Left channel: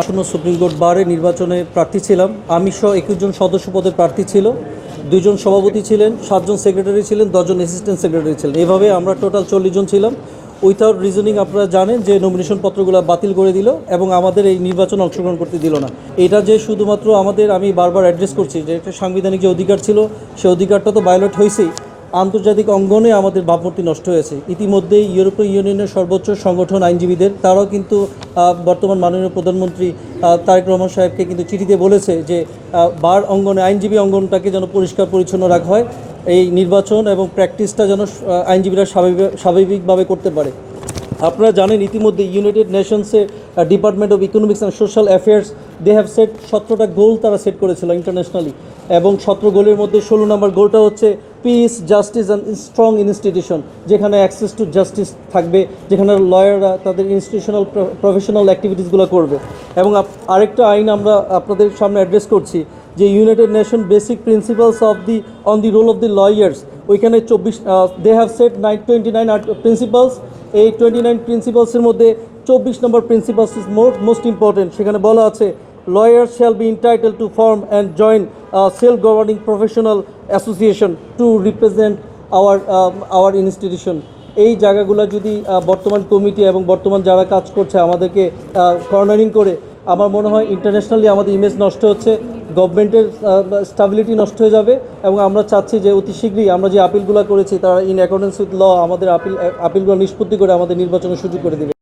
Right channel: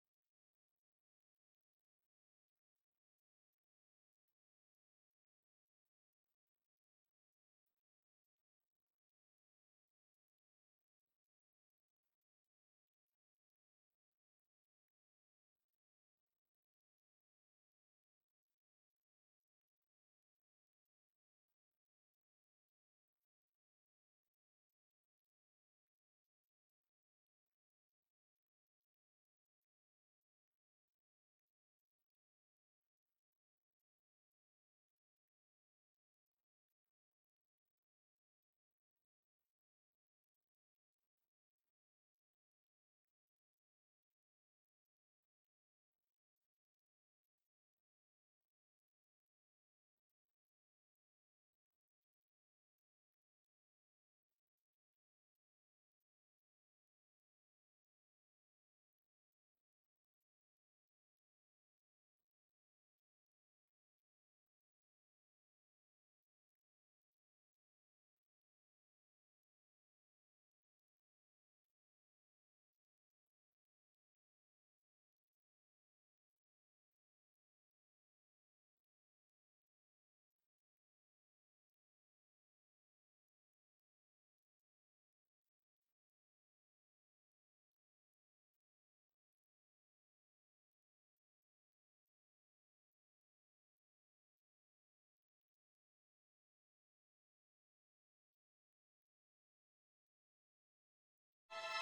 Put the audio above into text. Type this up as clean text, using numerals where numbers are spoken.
আসন্ন supreme court বারে নির্বাচনে প্রার্থী ছিলাম। আমি সহ 21 জন সদস্য পদে প্রার্থী ছিল, 2 জন সভাপতি ছিলেন, 7 জন সেক্রেটারি ছিলেন, 10 জন অ্যাসিস্ট্যান্ট সেক্রেটারি ছিলেন। এভাবে আমরা টোটাল 40 জন ছিলাম। উইথাউট রিজনিং আপনারা জানেন যে নমিনেশন পত্রগুলো বাতিল করে দিল এবং আমাদের এই নির্বাচনে অংশগ্রহণ করতে দিল না। এটা যে শুধুমাত্র আমাদের, আমি বারবার অ্যাড্রেস করছি যে একটা সাংবিধানিক যে অধিকার ছিল সেই অধিকারটা তো ভায়োলেট হয়েছেই, আন্তর্জাতিক অঙ্গনে আমাদের ভাবমূর্তি নষ্ট হয়েছে। ইতিমধ্যেই ইউরোপীয় ইউনিয়নের সর্বোচ্চ সংগঠন আইনজীবীদের, তারাও কিন্তু বর্তমান মাননীয় প্রধানমন্ত্রী তারেক রহমান সাহেবকে কিন্তু চিঠিতে বলেছে যে বার অঙ্গনে, আইনজীবী অঙ্গনটাকে যেন পরিষ্কার পরিচ্ছন্ন রাখা হয়, এই নির্বাচন এবং প্র্যাকটিসটা যেন আইনজীবীরা স্বাভাবিকভাবে করতে পারে। আপনারা জানেন ইতিমধ্যে ইউনাইটেড নেশনসে department of economics and social affairs they have set 17টা গোল তারা সেট করেছিল ইন্টারন্যাশনালি, এবং 17 গোলের মধ্যে 16 নম্বর গোলটা হচ্ছে piece, justice and strong institution, যেখানে অ্যাক্সেস টু জাস্টিস থাকবে, যেখানে লয়াররা তাদের ইনস্টিটিউশনাল প্রফেশনাল অ্যাক্টিভিটিসগুলো করবে। এবং আরেকটা আইন আমরা আপনাদের সামনে অ্যাড্রেস করছি যে United Nation basic principles on the role of the lawyers, ওইখানে 24 দে হ্যাভ সেট 29 প্রিন্সিপালস। এই 29 প্রিন্সিপালসের মধ্যে 24 নম্বর প্রিন্সিপালস ইজ মোস্ট ইম্পর্টেন্ট। সেখানে বলা আছে lawyers shall be entitled to form and join a self-governing professional association to represent our institution. এই জায়গাগুলো যদি বর্তমান কমিটি এবং বর্তমান যারা কাজ করছে আমাদেরকে কর্নারিং করে, আমার মনে হয় ইন্টারন্যাশনালি আমাদের ইমেজ নষ্ট হচ্ছে, গভর্নমেন্টের স্টাবিলিটি নষ্ট হয়ে যাবে। এবং আমরা চাচ্ছি যে অতি শীঘ্রই আমরা যে আপিলগুলো করেছি তারা ইন অ্যাকর্ডেন্স উইথ ল আমাদের আপিলগুলো নিষ্পত্তি করে আমাদের নির্বাচনের সুযোগ করে দেবে।